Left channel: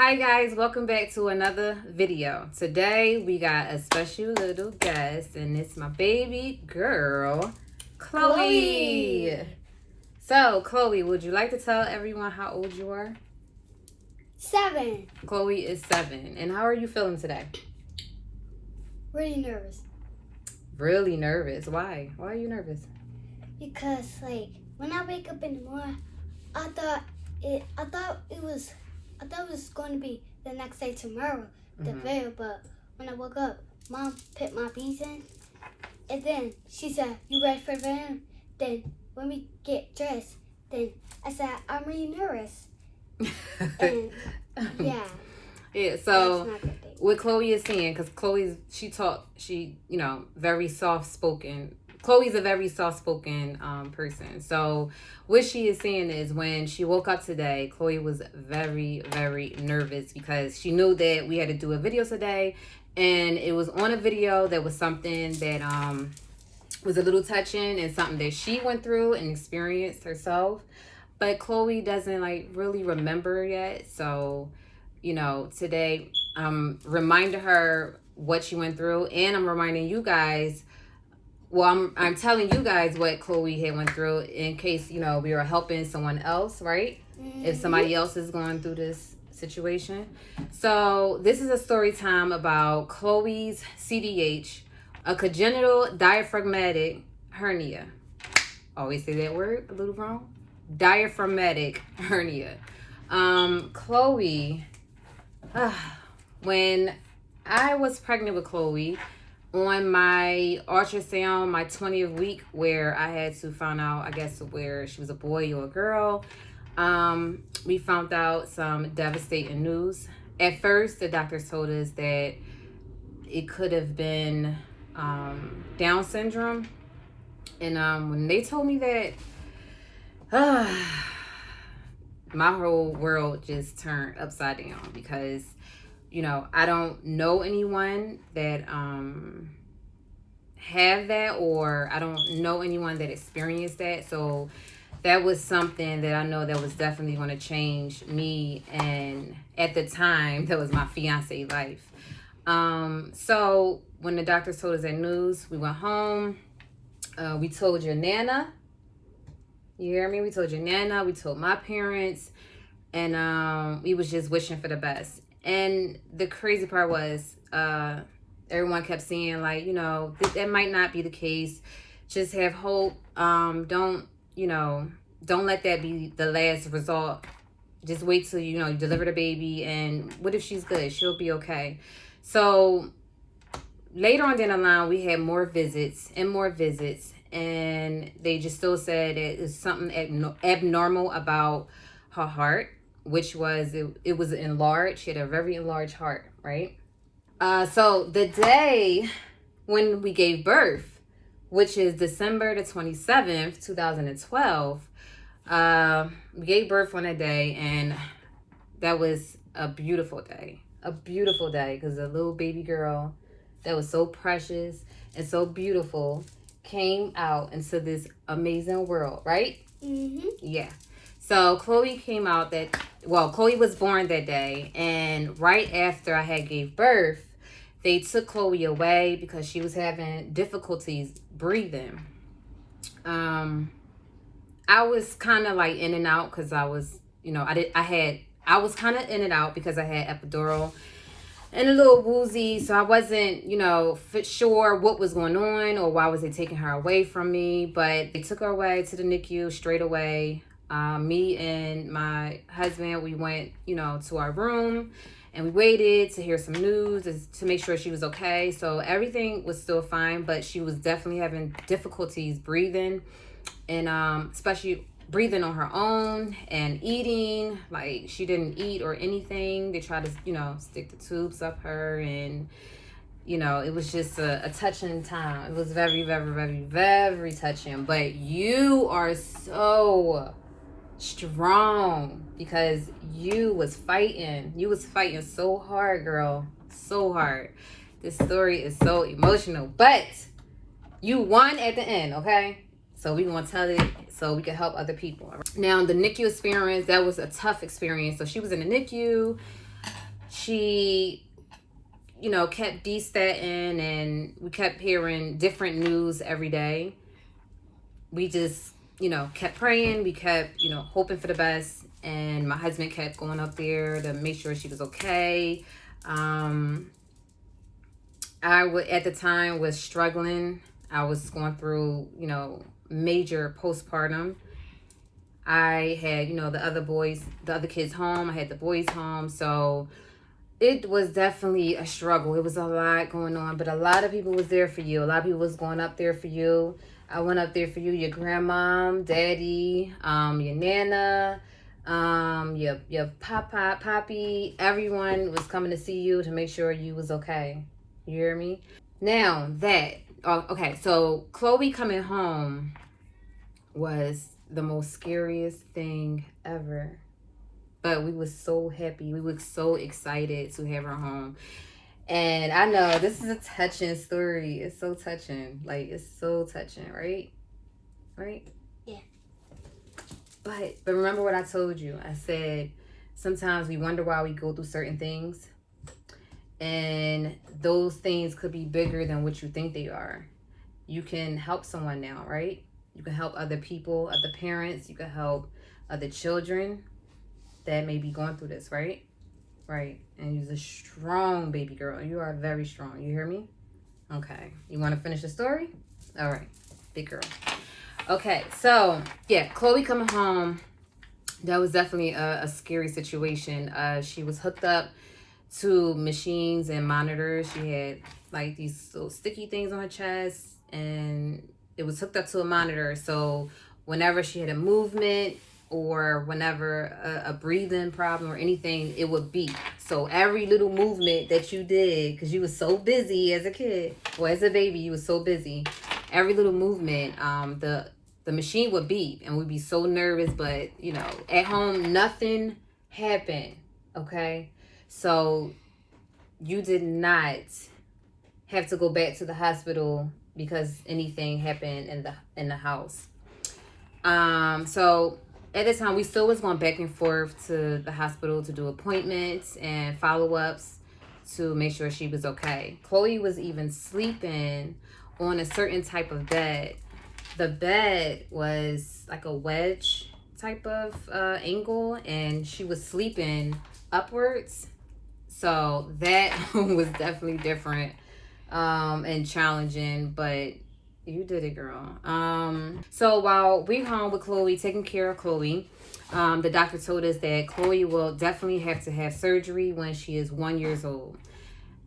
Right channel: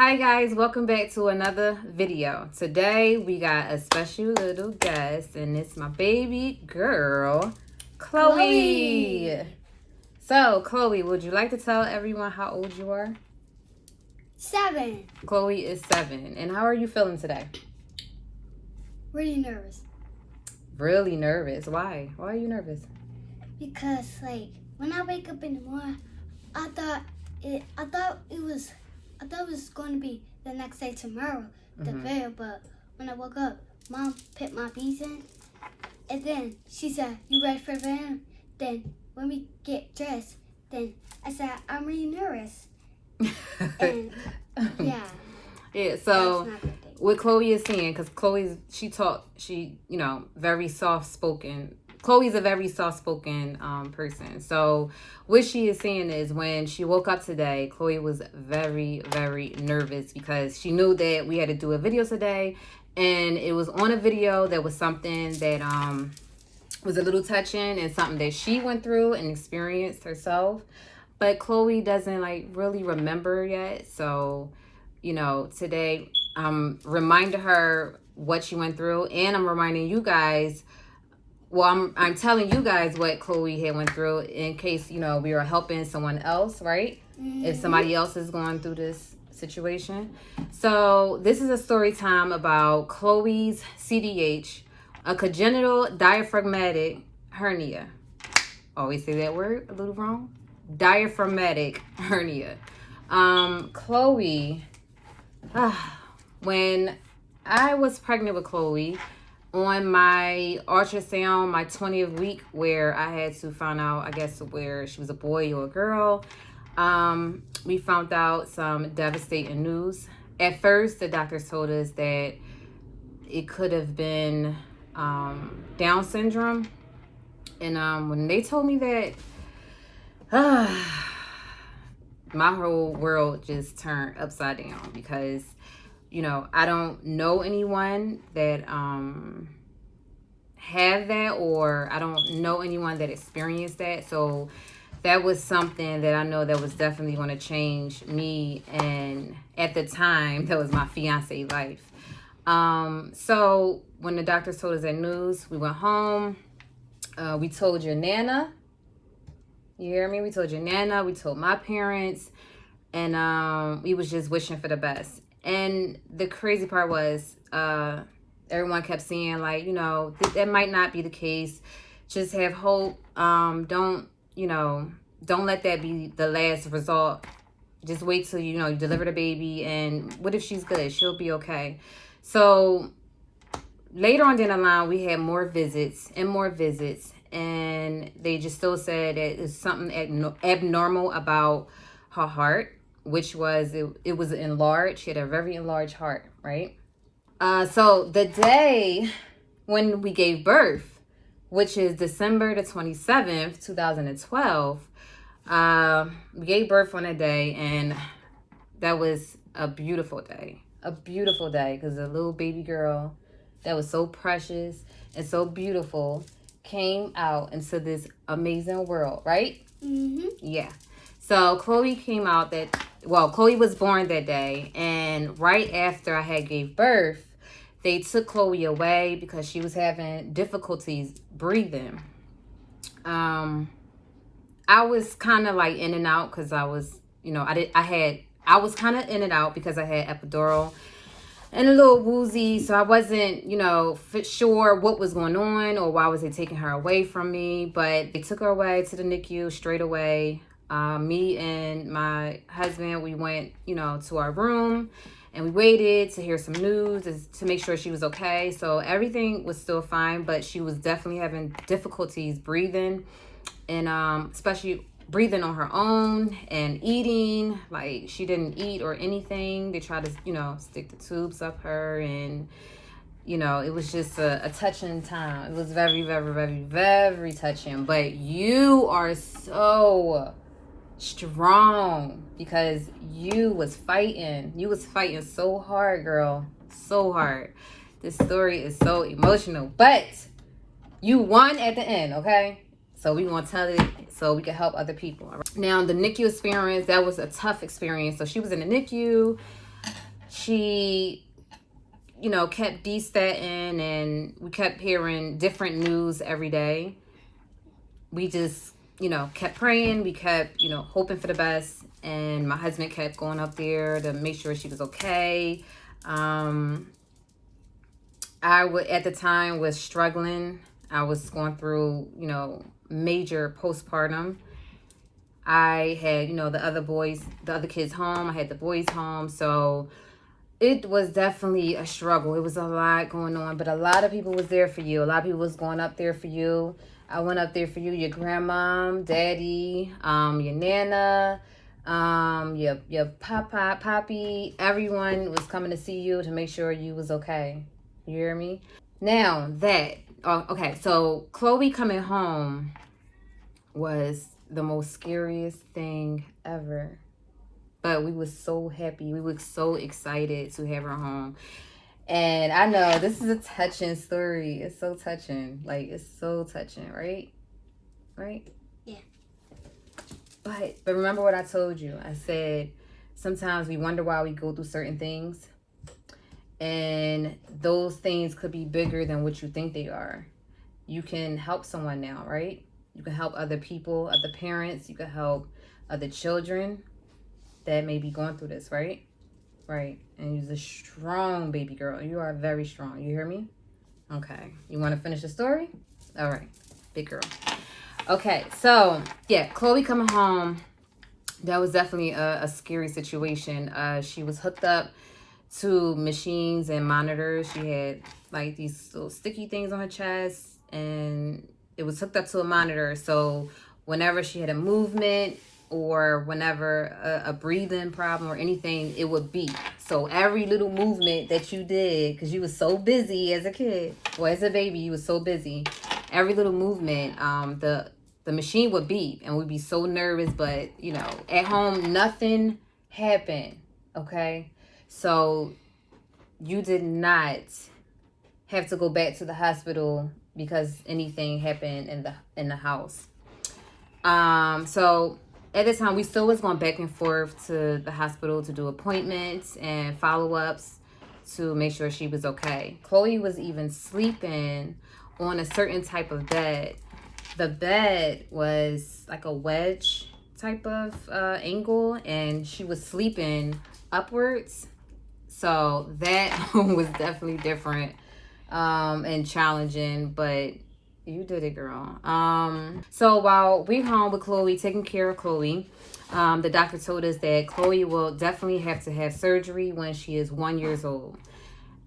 Hi guys, welcome back to another video. Today we got a special little guest and it's my baby girl, Chloe. So Chloe, would you like to tell everyone how old you are? 7. Chloe is 7. And how are you feeling today? Really nervous. Really nervous. Why? Why are you nervous? Because when I wake up in the morning, I thought it was going to be the next day tomorrow, the fair, but when I woke up, Mom put my beads in, and then she said, "You ready for the fair?" Then when we get dressed, then I said, "I'm really nervous." And yeah. Yeah, so what Chloe is saying, because she very soft-spoken. Chloe's a very soft-spoken person. So what she is saying is when she woke up today, Chloe was very, very nervous because she knew that we had to do a video today. And it was on a video that was something that was a little touching and something that she went through and experienced herself. But Chloe doesn't really remember yet. So, today I'm reminding her what she went through, and I'm reminding you guys. Well, I'm telling you guys what Chloe had went through in case, we are helping someone else, right? Mm-hmm. If somebody else is going through this situation. So this is a story time about Chloe's CDH, a congenital diaphragmatic hernia. Always say that word a little wrong. Diaphragmatic hernia. Chloe, when I was pregnant with Chloe, on my ultrasound, my 20th week, where I had to find out, I guess, where she was a boy or a girl, we found out some devastating news. At first, the doctors told us that it could have been Down syndrome. And when they told me that, my whole world just turned upside down because I don't know anyone that have that, or I don't know anyone that experienced that. So that was something that I know that was definitely going to change me, and at the time that was my fiance life. So when the doctors told us that news, we went home. We told your nana. You hear me? We told your nana. We told my parents, and we was just wishing for the best. And the crazy part was, everyone kept saying that might not be the case. Just have hope. Don't let that be the last result. Just wait till you deliver the baby, and what if she's good? She'll be okay. So later on down the line, we had more visits, and they just still said that it's something abnormal about her heart, which was it was enlarged. She had a very enlarged heart, right? So the day when we gave birth, which is December the 27th, 2012, we gave birth on that day, and that was a beautiful day. A beautiful day, because a little baby girl that was so precious and so beautiful came out into this amazing world, right? Mm-hmm. Yeah. So Chloe came out Chloe was born that day, and right after I had gave birth, they took Chloe away because she was having difficulties breathing. I was kind of in and out because I was, I was kind of in and out because I had epidural and a little woozy, so I wasn't, sure what was going on or why was they taking her away from me. But they took her away to the NICU straight away. Me and my husband, we went, to our room, and we waited to hear some news to make sure she was okay. So everything was still fine, but she was definitely having difficulties breathing, and especially breathing on her own and eating. She didn't eat or anything. They tried to, stick the tubes up her, and it was just a touching time. It was very, very, very, very touching. But you are so strong because you was fighting so hard, girl, so hard. This story is so emotional, but you won at the end, okay? So we want to tell it so we can help other people. Now, the NICU experience, that was a tough experience. So she was in the NICU. she, kept destatting, and we kept hearing different news every day. We just, kept praying. We kept, hoping for the best. And my husband kept going up there to make sure she was okay. At the time was struggling. I was going through, major postpartum. I had, the other kids home. I had the boys home. So it was definitely a struggle. It was a lot going on, but a lot of people was there for you. A lot of people was going up there for you. I went up there for you, your grandmom, daddy, your nana, your poppy. Everyone was coming to see you to make sure you was okay. You hear me? Now okay, so Chloe coming home was the most scariest thing ever. But we was so happy. We were so excited to have her home. And I know this is a touching story. It's so touching. Like, it's so touching, right? Right? Yeah. But remember what I told you. I said, sometimes we wonder why we go through certain things. And those things could be bigger than what you think they are. You can help someone now, right? You can help other people, other parents. You can help other children that may be going through this, right? Right. And you're a strong baby girl. You are very strong. You hear me? Okay. You want to finish the story? All right. Big girl. Okay. So, yeah, Chloe coming home, that was definitely a scary situation. She was hooked up to machines and monitors. She had like these little sticky things on her chest, and it was hooked up to a monitor. So whenever she had a movement or whenever a breathing problem or anything, it would beep. So every little movement that you did, because you was so busy as a kid or as a baby, you was so busy. Every little movement, the machine would beep, and we'd be so nervous. But at home, nothing happened. Okay, so you did not have to go back to the hospital because anything happened in the house. So at the time, we still was going back and forth to the hospital to do appointments and follow-ups to make sure she was okay. Chloe was even sleeping on a certain type of bed. The bed was like a wedge type of angle, and she was sleeping upwards. So that was definitely different and challenging, but you did it, girl. So while we're home with Chloe, taking care of Chloe, the doctor told us that Chloe will definitely have to have surgery when she is 1 year old.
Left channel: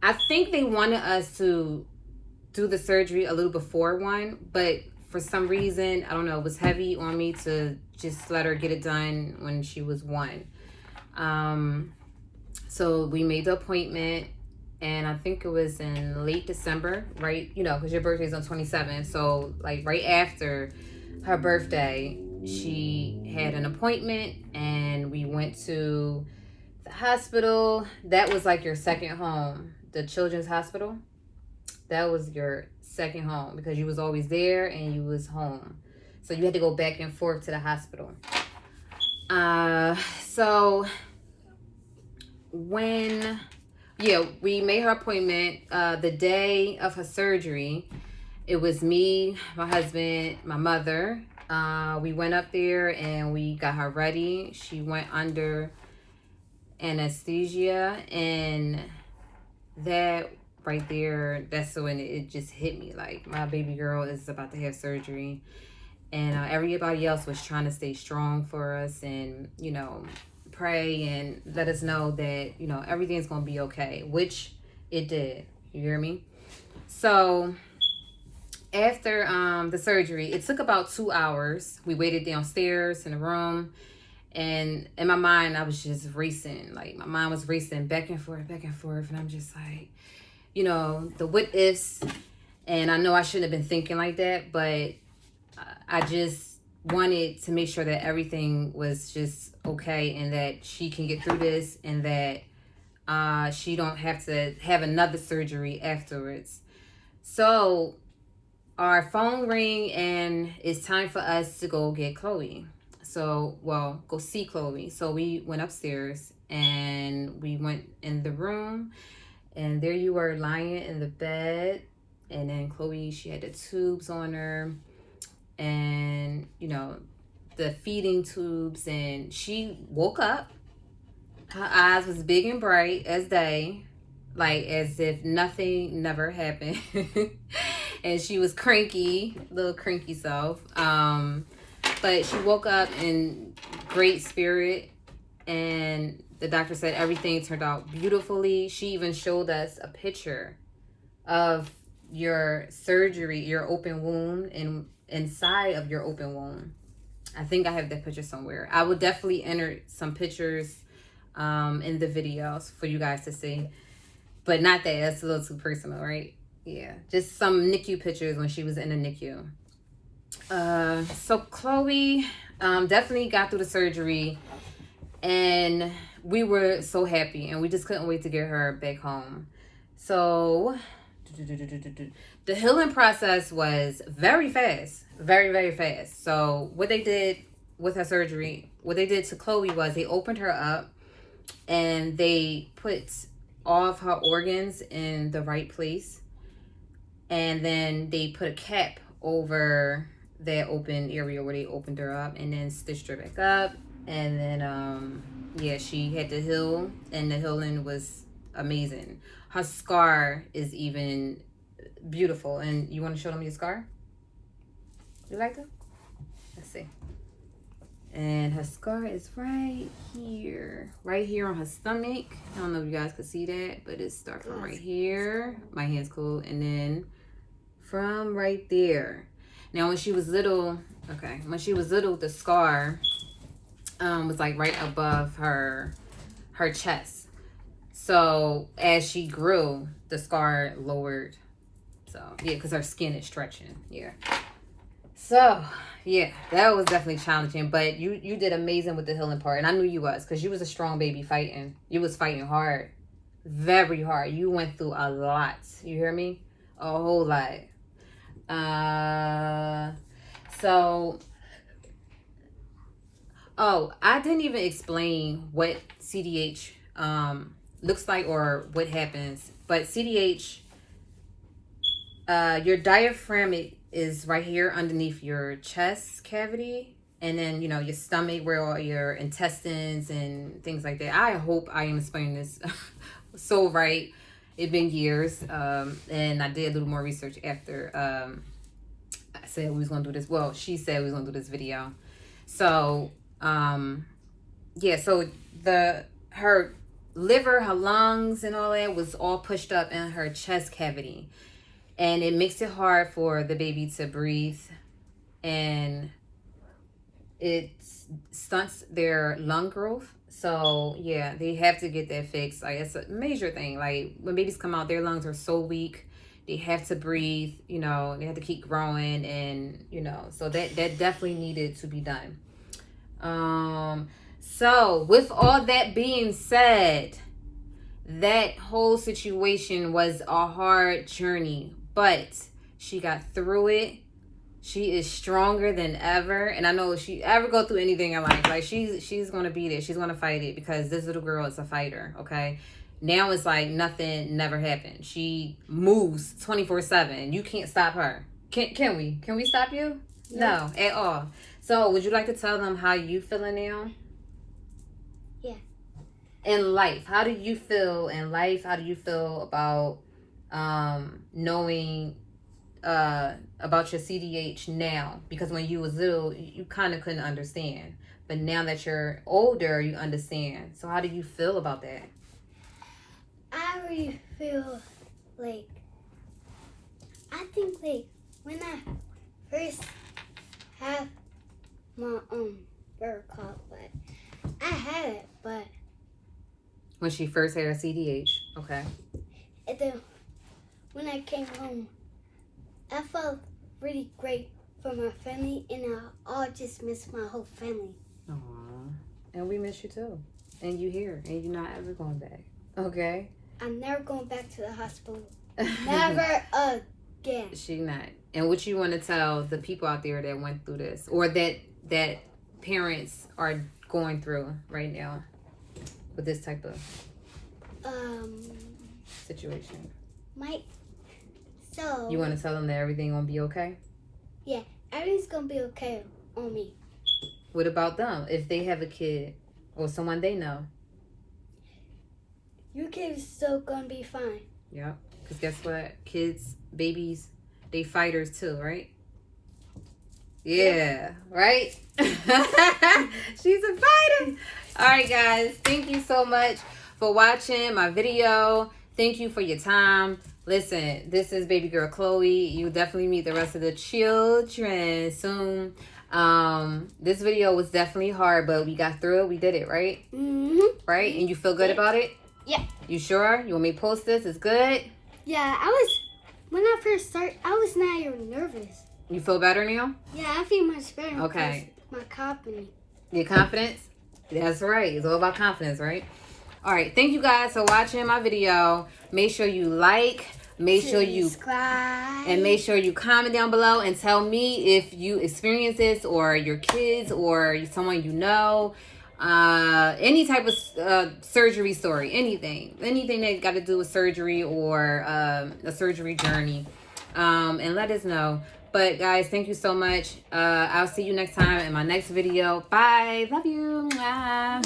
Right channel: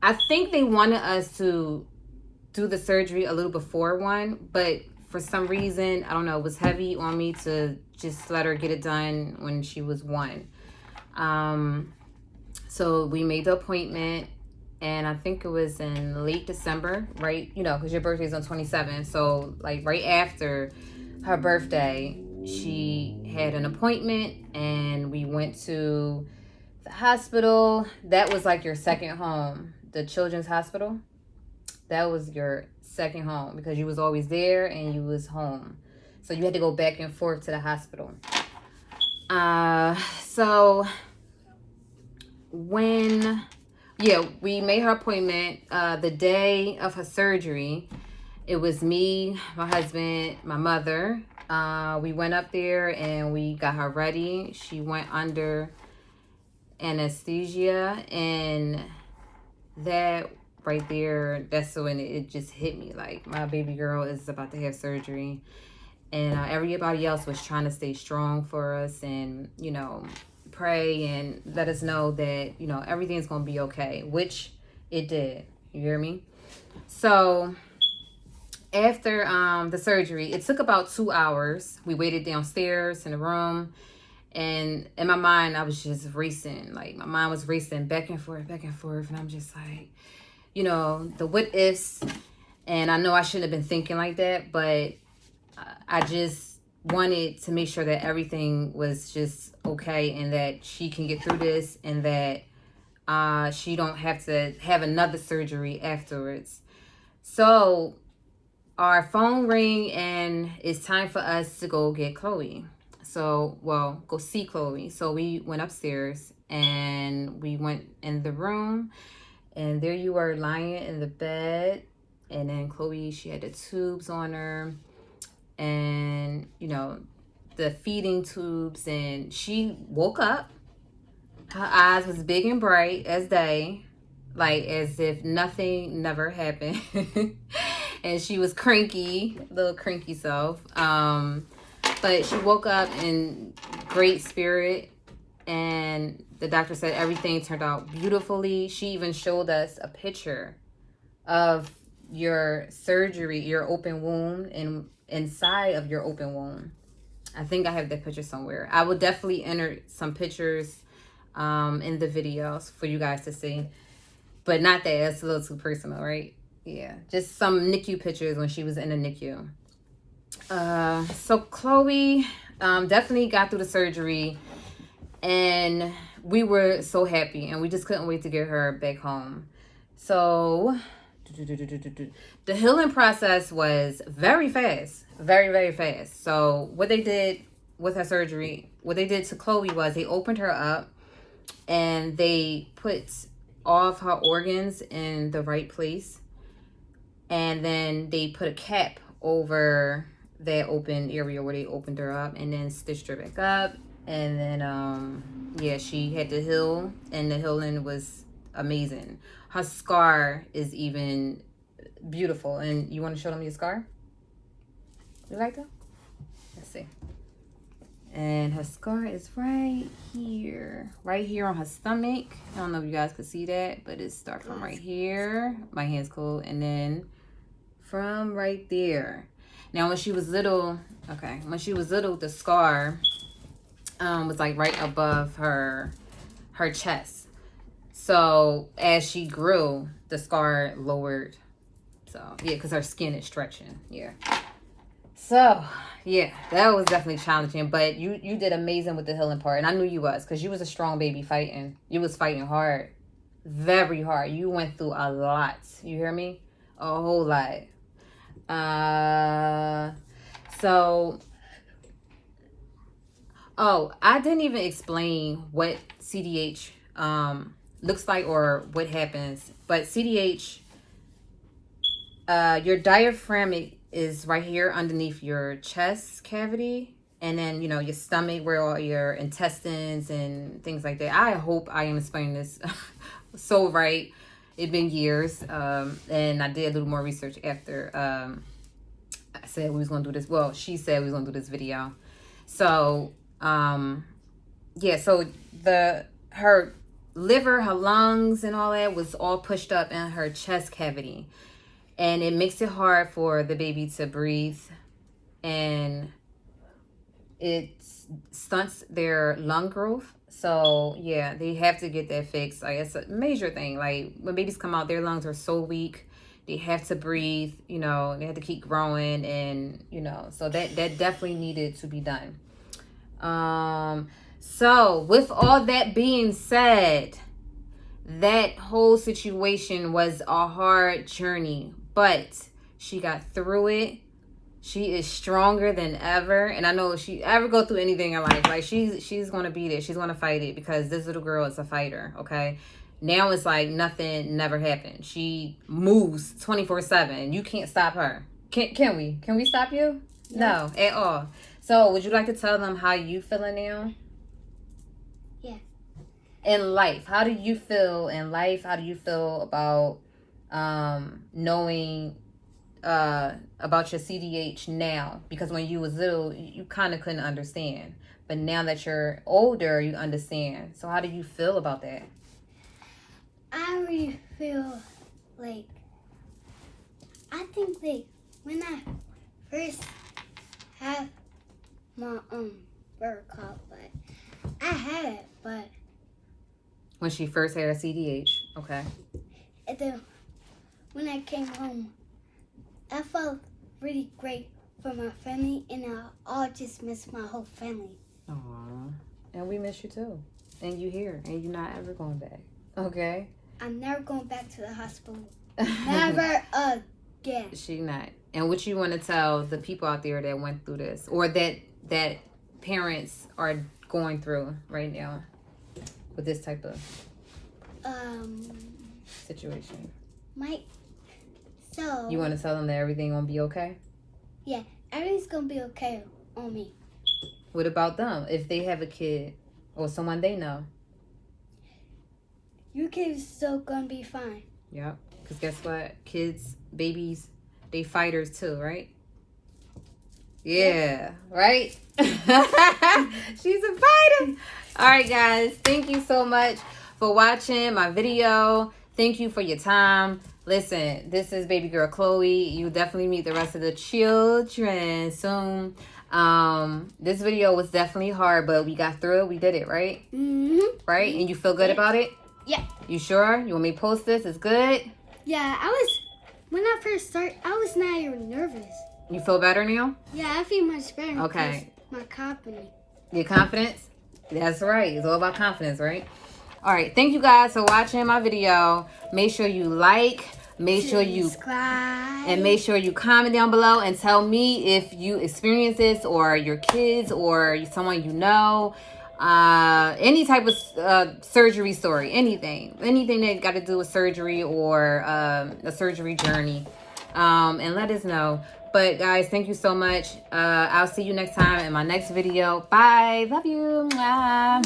I think they wanted us to do the surgery a little before 1, but for some reason, I don't know, it was heavy on me to just let her get it done when she was 1. So we made the appointment, and I think it was in late December, right? Because your birthday's on 27th. So like right after her birthday, she had an appointment, and we went to the hospital. That was like your second home, the children's hospital. That was your second home because you was always there and you was home. So you had to go back and forth to the hospital. So we made her appointment the day of her surgery. It was me, my husband, my mother. We went up there and we got her ready. She went under anesthesia, and that right there, that's when it just hit me. Like, my baby girl is about to have surgery, and everybody else was trying to stay strong for us and pray and let us know that everything's gonna be okay, which it did. You hear me? So after the surgery, it took about 2 hours. We waited downstairs in the room, and in my mind I was just racing. Like, my mind was racing back and forth, and I'm just like, the what ifs. And I know I shouldn't have been thinking like that, but I just wanted to make sure that everything was just okay and that she can get through this, and that she don't have to have another surgery afterwards. So our phone rang, and it's time for us to go get Chloe. So, go see Chloe. So we went upstairs, and we went in the room, and there you were lying in the bed. And then Chloe, she had the tubes on her, and you know, the feeding tubes, and she woke up. Her eyes was big and bright as day, like as if nothing never happened. And she was cranky, little cranky self. But she woke up in great spirit, and the doctor said everything turned out beautifully. She even showed us a picture of your surgery, your open wound, and inside of your open wound. I think I have that picture somewhere. I will definitely enter some pictures in the videos for you guys to see, but not that it's a little too personal, right? Yeah, just some NICU pictures when she was in the NICU. So Chloe definitely got through the surgery, and we were so happy, and we just couldn't wait to get her back home. So the healing process was very fast, very fast. So what they did with her surgery, what they did to Chloe was they opened her up, and they put all of her organs in the right place, and then they put a cap over that open area where they opened her up, and then stitched her back up. And then yeah, she had to heal, and the healing was amazing. Her scar is even beautiful. And you want to show them your scar? You like it? Let's see. And her scar is right here on her stomach. I don't know if you guys could see that, but it starts from right here. My hand's cool. And then from right there. Now, when she was little, the scar was like right above her chest. So as she grew, the scar lowered. So yeah, because her skin is stretching. Yeah. So yeah, that was definitely challenging, but you did amazing with the healing part, and I knew you was, because you was a strong baby fighting. You was fighting hard, very hard. You went through a lot. You hear me? A whole lot. So, oh, I didn't even explain what CDH looks like or what happens, but CDH, your diaphragmatic is right here underneath your chest cavity, and then, you know, your stomach where all your intestines and things like that. I hope I am explaining this so right. It's been years, and I did a little more research after I said we was gonna do this. Well, she said we was gonna do this video. So yeah, so her liver, her lungs, and all that was all pushed up in her chest cavity, and it makes it hard for the baby to breathe, and it stunts their lung growth. So yeah, they have to get that fixed. Like, it's a major thing. Like, when babies come out, their lungs are so weak, they have to breathe, you know, they have to keep growing, and you know, so that definitely needed to be done. So with all that being said, that whole situation was a hard journey, but she got through it. She is stronger than ever, and I know if she ever go through anything in life, like, she's gonna beat it. She's gonna fight it, because this little girl is a fighter. Okay, now it's like nothing never happened. She moves 24/7. You can't stop her. Can we? Can we stop you? No, at all. So, would you like to tell them how you feeling now? Yeah. In life, how do you feel in life? How do you feel about knowing about your CDH now? Because when you was little, you kind of couldn't understand, but now that you're older, you understand. So how do you feel about that? I really feel like, I think like when I first have my birth call, but I had it, but When she first had her CDH, okay. and then when I came home, I felt really great for my family, and I all just miss my whole family. Aww. And we miss you too. And you here, and you're not ever going back. Okay? I'm never going back to the hospital. Never again. She not. And what you want to tell the people out there that went through this, or that parents are going through right now? with this type of Um, situation? So You want to tell them that everything won't be okay? yeah, everything's gonna be okay on me. What about them? If they have a kid or someone they know? Your kid is still gonna be fine. Yep. Because guess what? Kids, babies, they fighters too, right? Yeah, right? She's a fighter. All right, guys. Thank you so much for watching my video. Thank you for your time. Listen, this is baby girl Chloe. You definitely meet the rest of the children soon. This video was definitely hard, but we got through it. We did it, right? Mm-hmm. Right? And you feel good about it? Yeah. You sure? You want me to post this? It's good? Yeah, when I first started, I was not even nervous. You feel better now? Yeah, I feel much better. Okay. My confidence. Your confidence? That's right. It's all about confidence, right? All right. Thank you guys for watching my video. Make sure you like. Make sure you subscribe. And make sure you comment down below and tell me if you experience this or your kids or someone you know. Any type of surgery story. Anything that got to do with surgery or a surgery journey. And let us know. But guys, thank you so much. I'll see you next time in my next video. Bye. Love you. Bye.